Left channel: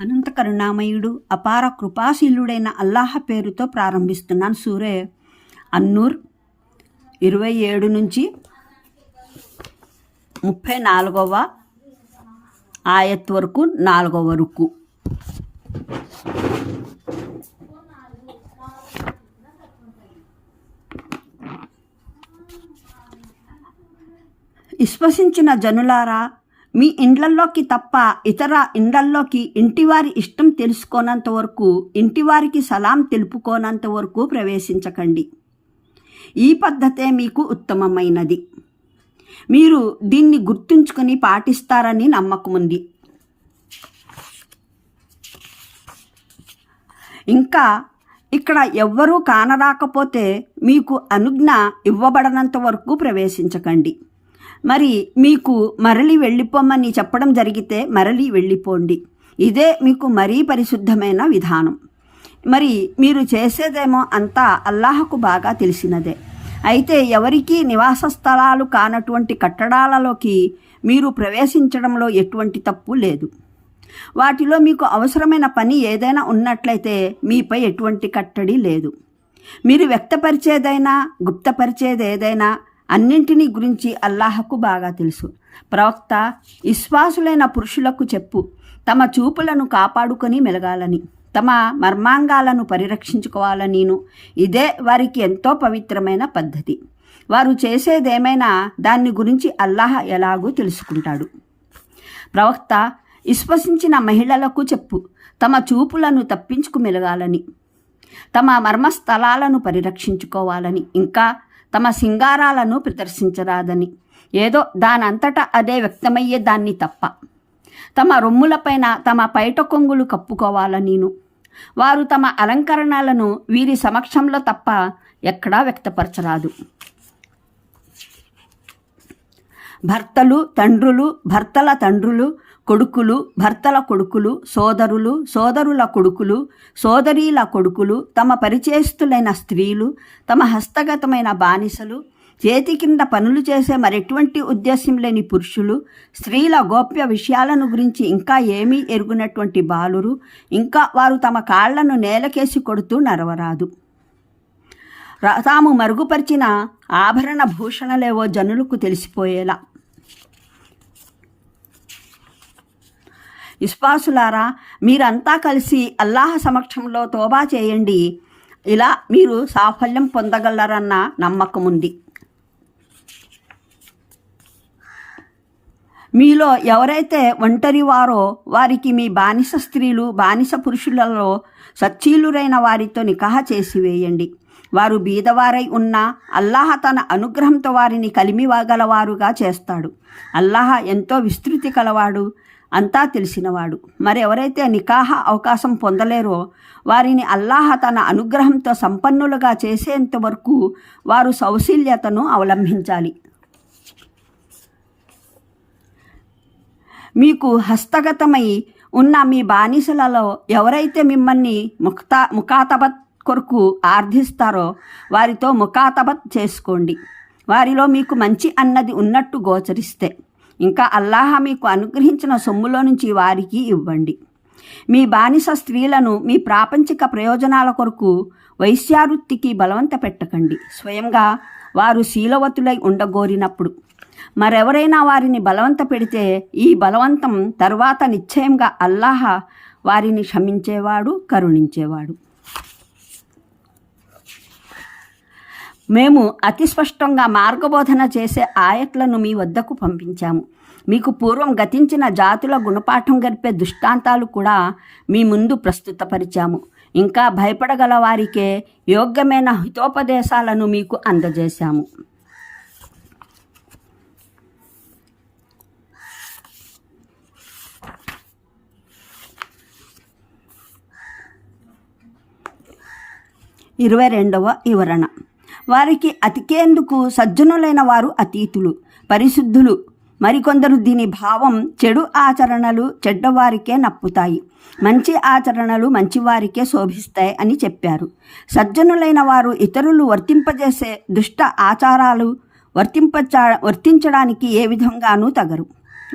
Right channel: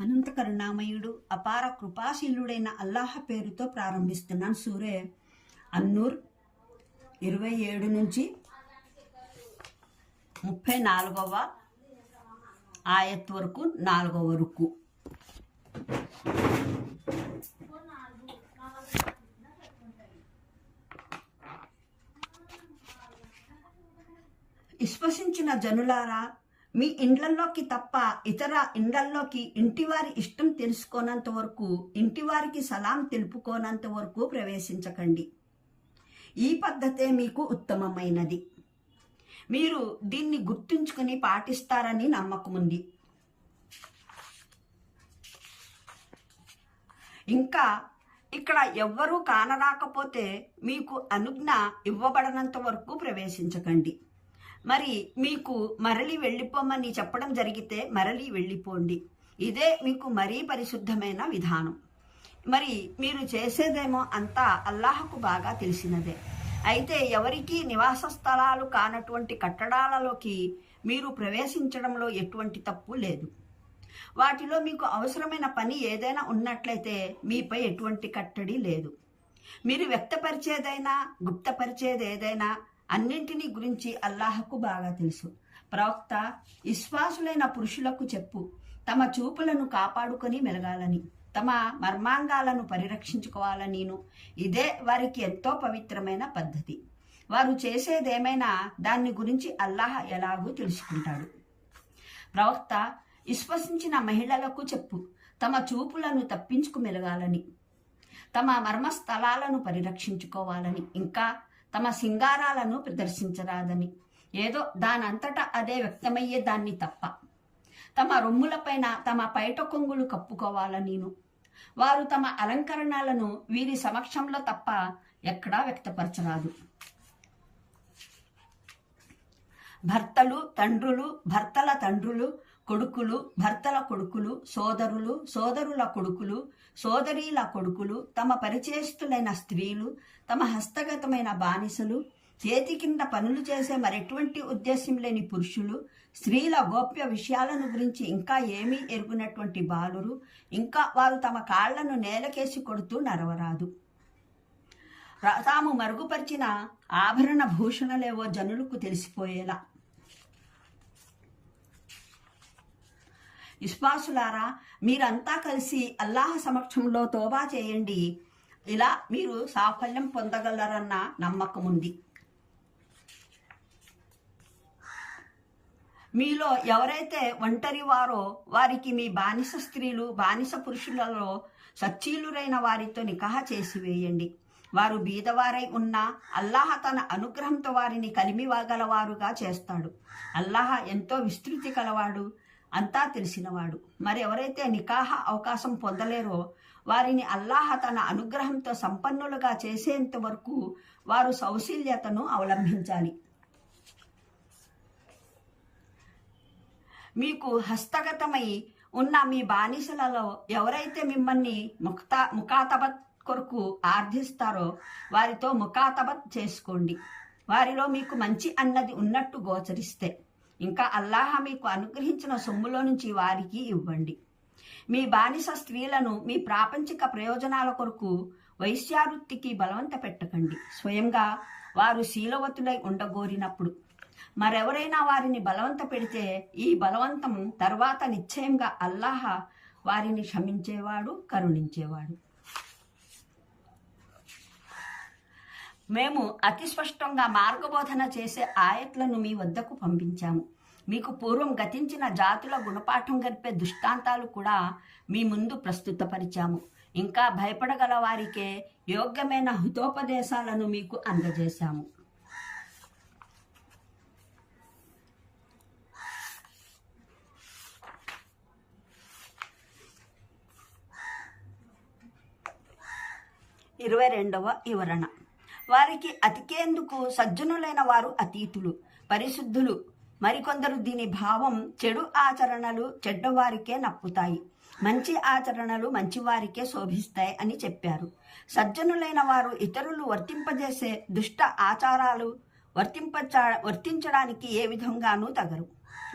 అనంత కరుణామయుడు అపార కృపాశీలుడైన అల్లాహ పేరుతో ప్రారంభిస్తున్నాను. సూరే అన్నూర్ ఇరవై ఏడు నుంచి ముప్పై నాలుగవ ఆయత్ వరకు నాలుగవ వరకు విశ్వసించిన జనులారా మీ ఇండ్లల్లోకి తప్ప ఇతర ఇండ్లల్లోకి ఇంటివారి ఇష్టం తెలుసుకోనంత వరకు ఇంటివారికి సలాం తెలుపుకోనంత వరకు ప్రవేశించకండి. ఈ పద్ధతే మీకు ఉత్తమమైనది. మీరు దీన్ని గుర్తుంచుకొని పాటిస్తారని నమ్మకం ఉంది ఇంకా ఇక్కడ ఎవ్వరూ కానరాకపోతే మీకు అనుజ్ఞ ఇవ్వబడనంత వరకు ప్రవేశించకండి. మరి మీకు మరలి వెళ్ళిపోమని చెప్పడం జరిగితే మరలి వెళ్ళిపోండి. ఇదే మీకు మరీ పరిశుద్ధమైన విధానం. మరి మీరు చేసేదేమో అంతా అల్లాహకు బాగా తెలిసినదే. అయితే ఎవరికీ నివాస స్థలాలు కానటువంటి కట్టడాలలోకి మీరు ప్రవేశించడంలో ఎటువంటి తప్పు లేదు. వాటిలో మీకు అవసరమైన పని ఏదైనా ఉన్నట్లయితే మీపై ఎటువంటి కట్టడి లేదు. మీరు వ్యక్తపరిచేదైనా గుప్తపరిచేది ఏదైనా అన్నింటినీ గురించి అల్లాహకు బాగా తెలుసు. ప్రవక్త విశ్వాసులైన పురుషులకు చెప్పు. తమ చూపులను కాపాడుకొని మెలగాలని తమ మర్మాంగాలను పరిరక్షించుకోవాలనిను. ఇదే వారికి ఎంతో పవిత్రమైన పద్ధతి. వారు చేసేదేమైనా దాన్ని గురించి అల్లాహ్ ఎలాగూ తెలుసుకుంటాడు. ప్రవక్త విశ్వసించిన మహిళలకు చెప్పు. తమ చూపులను తప్పించుకు మెలగాలని తమ మర్మస్థలాలను పరిరక్షించుకోవాలని ఇంకా తమ సింగారాలను ప్రదర్శించరాదని. ఏదో దానంతటా అదే వ్యక్తమయ్యే దాన్ని తప్ప. తమ రొమ్ములపైన తమ పైట కొంగులు కప్పుకోవాలనిను వారు తమ అలంకరణలను వీరి సమక్షంలో తప్ప ఎక్కడా వ్యక్తపరచరాదు. భర్తలు తండ్రులు భర్తల తండ్రులు కొడుకులు భర్తల కొడుకులు సోదరులు సోదరుల కొడుకులు సోదరీల కొడుకులు తమ పరిచయస్తులైన స్త్రీలు తమ హస్తగతమైన బానిసలు చేతి కింద పనులు చేసే మరెటువంటి ఉద్దేశం లేని పురుషులు స్త్రీల గోప్య విషయాలను గురించి ఇంకా ఏమీ ఎరుగునటువంటి బాలురు ఇంకా వారు తమ కాళ్ళను నేలకేసి కొడుతూ నరవరాదు తాము మరుగుపరిచిన ఆభరణ భూషణలేవో జనులకు తెలిసిపోయేలా విశ్వాసులారా మీరంతా కలిసి అల్లాహ సమక్షంలో తోబా చేయండి. ఇలా మీరు సాఫల్యం పొందగలరన్న నమ్మకం ఉంది మీలో ఎవరైతే ఒంటరి వారో వారికి మీ బానిస స్త్రీలు బానిస పురుషులలో సచ్చీలురైన వారితో నికాహ చేసి వేయండి. వారు బీదవారై ఉన్నా అల్లాహ తన అనుగ్రహంతో వారిని కలిమివాగలవారుగా చేస్తాడు. అల్లాహ ఎంతో విస్తృతి కలవాడు. అంతా తెలిసినవాడు. మరి ఎవరైతే నికాహ అవకాశం పొందలేరో వారిని అల్లాహ తన అనుగ్రహంతో సంపన్నులుగా చేసేంత వరకు వారు సౌశీల్యతను అవలంబించాలి. మీకు హస్తగతమై ఉన్న మీ బానిసలలో ఎవరైతే మిమ్మల్ని ముక్తా ముఖాతబత్ కొరకు ఆర్థిస్తారో వారితో ముఖాతబత్ చేసుకోండి. వారిలో మీకు మంచి అన్నది ఉన్నట్టు గోచరిస్తే. ఇంకా అల్లాహ మీకు అనుగ్రహించిన సొమ్ములో నుంచి వారికి ఇవ్వండి. మీ బానిస స్త్రీలను మీ ప్రాపంచిక ప్రయోజనాల కొరకు వైశ్యావృత్తికి బలవంత పెట్టకండి. స్వయంగా వారు శీలవతులై ఉండగోరినప్పుడు మరెవరైనా వారిని బలవంత పెడితే ఈ బలవంతం తర్వాత నిశ్చయంగా అల్లాహ వారిని క్షమించేవాడు కరుణించేవాడు. మేము అతి స్పష్టంగా మార్గబోధన చేసే ఆయట్లను మీ వద్దకు పంపించాము. మీకు పూర్వం గతించిన జాతుల గుణపాఠం గడిపే దృష్టాంతాలు కూడా మీ ముందు ప్రస్తుతపరిచాము. ఇంకా భయపడగల వారికే యోగ్యమైన హితోపదేశాలను మీకు అందజేశాము. ఇరవై రెండవ వివరణ. వారికి అతికేందుకు సజ్జనులైన వారు అతీతులు పరిశుద్ధులు. మరికొందరు దీని భావం చెడు ఆచరణలు చెడ్డవారికే నప్పుతాయి. మంచి ఆచరణలు మంచివారికే శోభిస్తాయి అని చెప్పారు. సజ్జనులైన వారు ఇతరులు వర్తింపజేసే దుష్ట ఆచారాలు వర్తింపచ వర్తించడానికి ఏ విధంగానూ తగరు.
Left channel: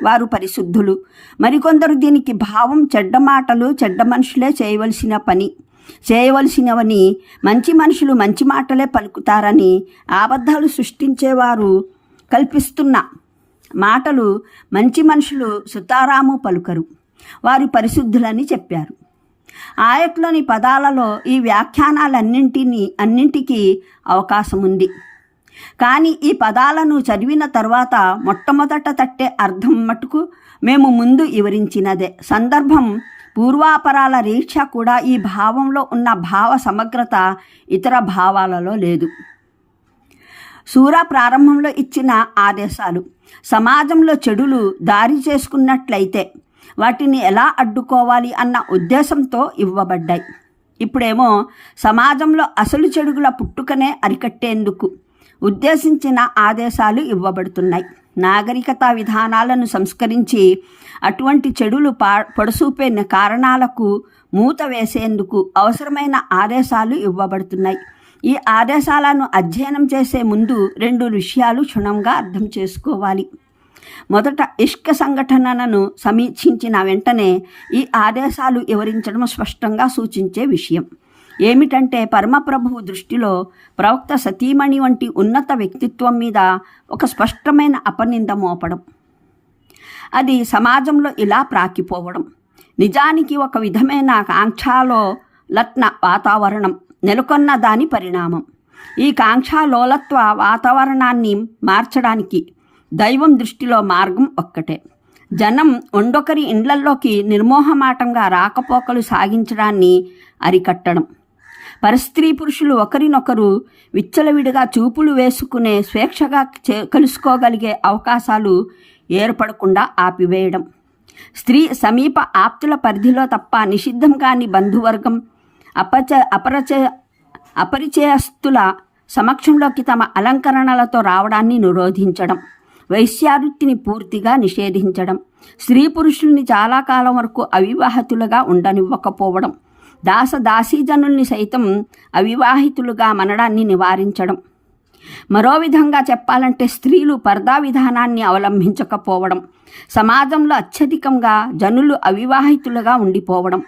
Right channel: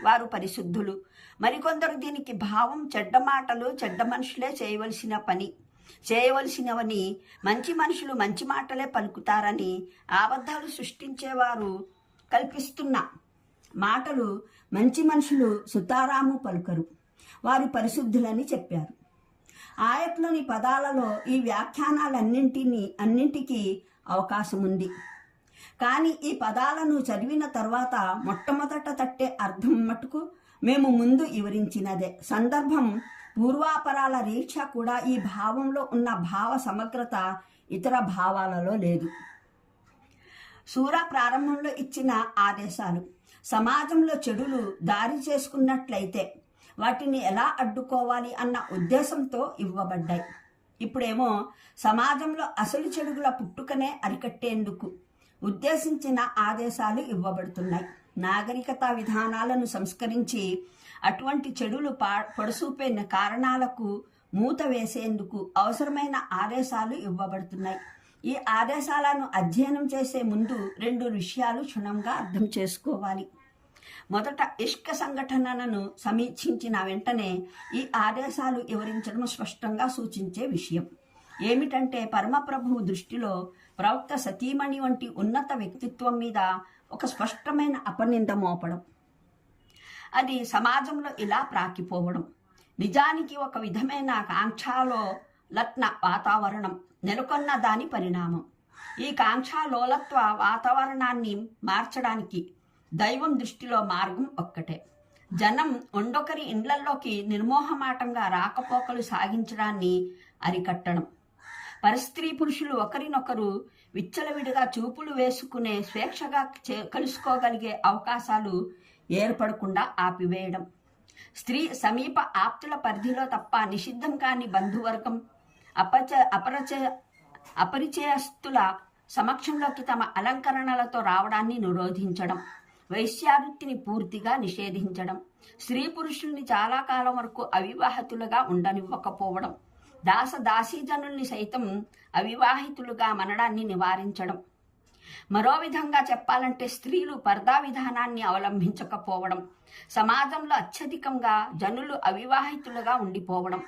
వారు పరిశుద్ధులు. మరికొందరు దీనికి భావం చెడ్డ మాటలు చెడ్డ మనుషులే చేయవలసిన పని. చేయవలసినవని మంచి మనుషులు మంచి మాటలే పలుకుతారని అబద్ధాలు సృష్టించేవారు కల్పిస్తున్న మాటలు మంచి మనుషులు సుతారాము పలుకరు. వారి పరిశుద్ధులని చెప్పారు. ఆయట్లోని పదాలలో ఈ వ్యాఖ్యానాలన్నింటినీ అన్నింటికీ అవకాశం ఉంది కానీ ఈ పదాలను చదివిన తర్వాత మొట్టమొదట తట్టే అర్థం మటుకు మేము ముందు వివరించినదే. సందర్భం పూర్వాపరాల రీక్ష కూడా ఈ భావంలో ఉన్న భావ సమగ్రత ఇతర భావాలలో లేదు. సూర ప్రారంభంలో ఇచ్చిన ఆదేశాలు సమాజంలో చెడులు దారి చేసుకున్నట్లయితే వాటిని ఎలా అడ్డుకోవాలి అన్న ఉద్దేశంతో ఇవ్వబడ్డాయి. ఇప్పుడేమో సమాజంలో అసలు చెడుగుల పుట్టుకనే అరికట్టేందుకు ఉద్దేశించిన ఆదేశాలు ఇవ్వబడుతున్నాయి. నాగరికత విధానాలను సంస్కరించి అటువంటి చెడులు పా పొడసూపే కారణాలకు మూత వేసేందుకు అవసరమైన ఆదేశాలు ఇవ్వబడుతున్నాయి. ఈ ఆదేశాలను అధ్యయనం చేసే ముందు రెండు విషయాలు క్షుణంగా అర్థం చేసుకోవాలి. మొదట ఇష్క సంఘటనలను సమీక్షించిన వెంటనే ఈ ఆదేశాలు వివరించడం స్పష్టంగా సూచించే విషయం. ఏమిటంటే పరమప్రభువు దృష్టిలో ప్రవక్త సతీమణి వంటి ఉన్నత వ్యక్తిత్వం మీద ఒక స్పష్టమైన అపనింద మోపడం. అది సమాజంలో ఇలా ప్రాకిపోవడం. నిజానికి ఒక విధమైన కాంక్షాలో లత్న వాతావరణం నెలకొన్న దాని పరిణామం. ఈ కాంక్షాలోలత్వ వాతావరణాన్ని మార్చడానికి దైవం దృష్టిలో మార్గం ఒక్కటే. జనం ఒండొకరి ఇండ్లల్లోకి నిర్మోహమాటంగా రాకపోకలు సాగించడాన్ని అరికట్టడం. పరస్త్రీ పురుషులు ఒకరినొకరు విచ్చలవిడిగా చూపులు వేసుకునే స్వేచ్ఛగా చే- కలుసుకోగలిగే అవకాశాలు ఏర్పడకుండా ఆపివేయడం. స్త్రీ సమీప ఆప్తుల పరిధిలో తప్ప నిషిద్ధం కాని బంధువర్గం అపచ అపరచ అపరిచయస్తుల సమక్షంలోకి తమ అలంకరణలతో రావడాన్ని నిరోధించడం వైశ్యావృత్తిని పూర్తిగా నిషేధించడం స్త్రీ పురుషుల్ని చాలా కాలం వరకు అవివాహితులుగా ఉండనివ్వకపోవడం దాసదాసీజనుల్ని సైతం అవివాహితులుగా మనడాన్ని నివారించడం. మరో విధంగా చెప్పాలంటే స్త్రీలు పర్దా విధానాన్ని అవలంబించకపోవడం సమాజంలో అత్యధికంగా జనులు అవివాహితులుగా ఉండిపోవడం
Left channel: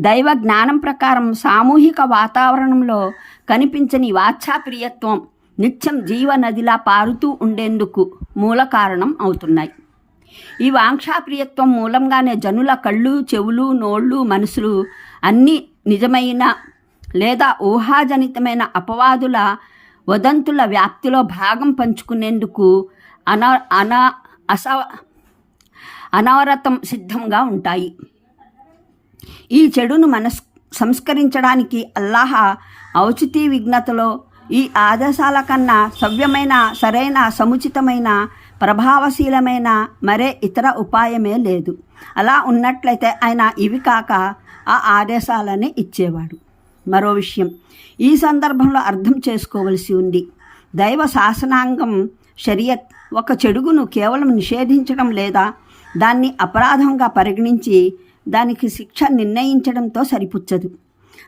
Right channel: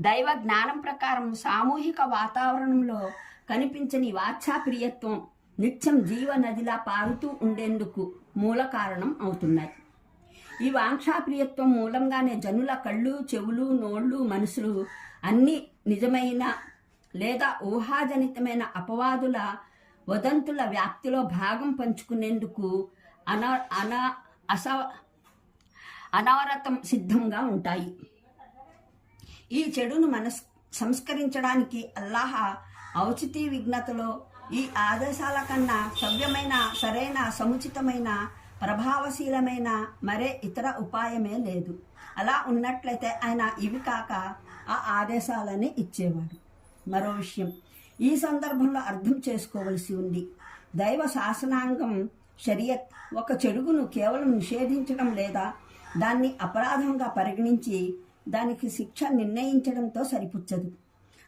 దైవ జ్ఞానం ప్రకారం సామూహిక వాతావరణంలో కనిపించని వాచ్ఛాప్రియత్వం నిత్యం జీవ నదిలా పారుతూ ఉండేందుకు మూల కారణం అవుతున్నాయి. ఈ వాంక్షాప్రియత్వం మూలంగానే జనుల కళ్ళు చెవులు నోళ్ళు మనసులు అన్నీ నిజమైన లేదా ఊహాజనితమైన అపవాదుల వదంతుల వ్యాప్తిలో భాగం పంచుకునేందుకు అనా అనా అస అనవరతం సిద్ధంగా ఉంటాయి. ఈ చెడును మనస్ సంస్కరించడానికి అల్లాహ ఔచితీ విఘ్నతలో ఈ ఆదేశాల కన్నా సవ్యమైన సరైన సముచితమైన ప్రభావశీలమైన మరే ఇతర ఉపాయమే లేదు. అలా ఉన్నట్లయితే ఆయన ఇవి కాక ఆ ఆదేశాలనే ఇచ్చేవాడు. మరో విషయం ఈ సందర్భంలో అర్థం చేసుకోవలసి ఉంది. దైవ శాసనాంగం షరియత్ ఒక చెడుగును కేవలం నిషేధించడం లేదా దాన్ని అపరాధంగా పరిగణించి దానికి శిక్ష నిర్ణయించడంతో సరిపుచ్చదు.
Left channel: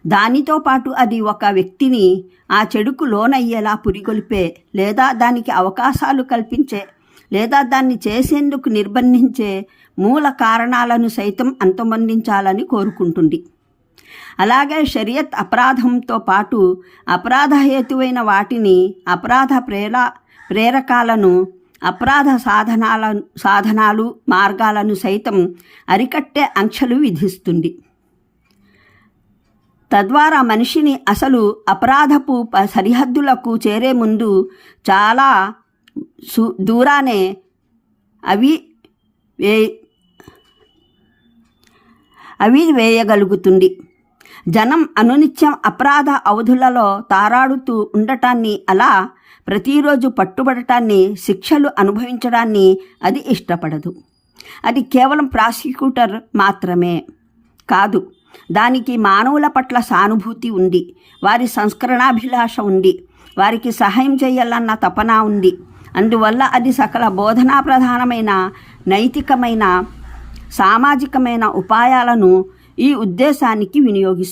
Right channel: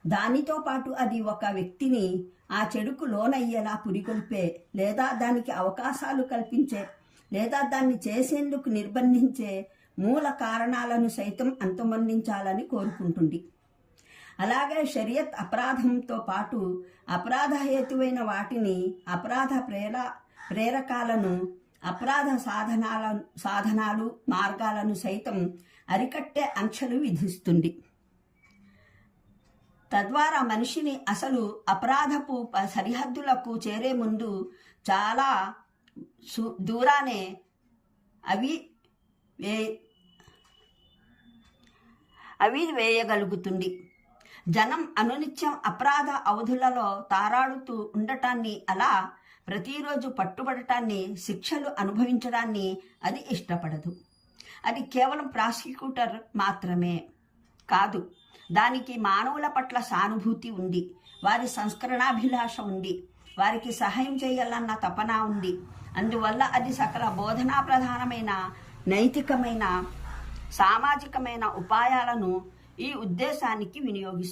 దానితో పాటు అది ఒక వ్యక్తిని ఆ చెడుకు లోనయ్యేలా పురిగొల్పే లేదా దానికి అవకాశాలు కల్పించే లేదా దాన్ని చేసేందుకు నిర్బంధించే మూల కారణాలను సైతం అంతమొందించాలని కోరుకుంటుంది. అలాగే షరియత్ అపరాధంతో పాటు అపరాధ హేతువైన వాటిని అపరాధ ప్రేర ప్రేరకాలను అపరాధ సాధనాల సాధనాలు మార్గాలను సైతం అరికట్టే ఆంక్షలు విధిస్తుంది. తద్వారా మనిషిని అసలు అపరాధపు ప- సరిహద్దులకు చేరే ముందు చాలా సు దూరానే అవి అవి వేయగలుగుతుంది. జనం అనునిత్యం అపరాధ అవధులలో తారాడుతూ ఉండటాన్ని అలా ప్రతిరోజు పట్టుబడటాన్ని శిక్షలు అనుభవించడాన్ని అది ఇష్టపడదు. అది కేవలం ప్రాసిక్యూటర్ మాత్రమే కాదు దానికి మానవుల పట్ల సానుభూతి ఉంది వారి సంస్కరణాభిలాష ఉంది వారికి సహాయం చేయాలన్న తపన ఉంది. అందువల్ల అది సకల బోధనా ప్రధానమైన నైతికమైన సామాజికమైన ఉపాయాలను ఈ ఉద్దేశానికి వినియోగిస్తుంది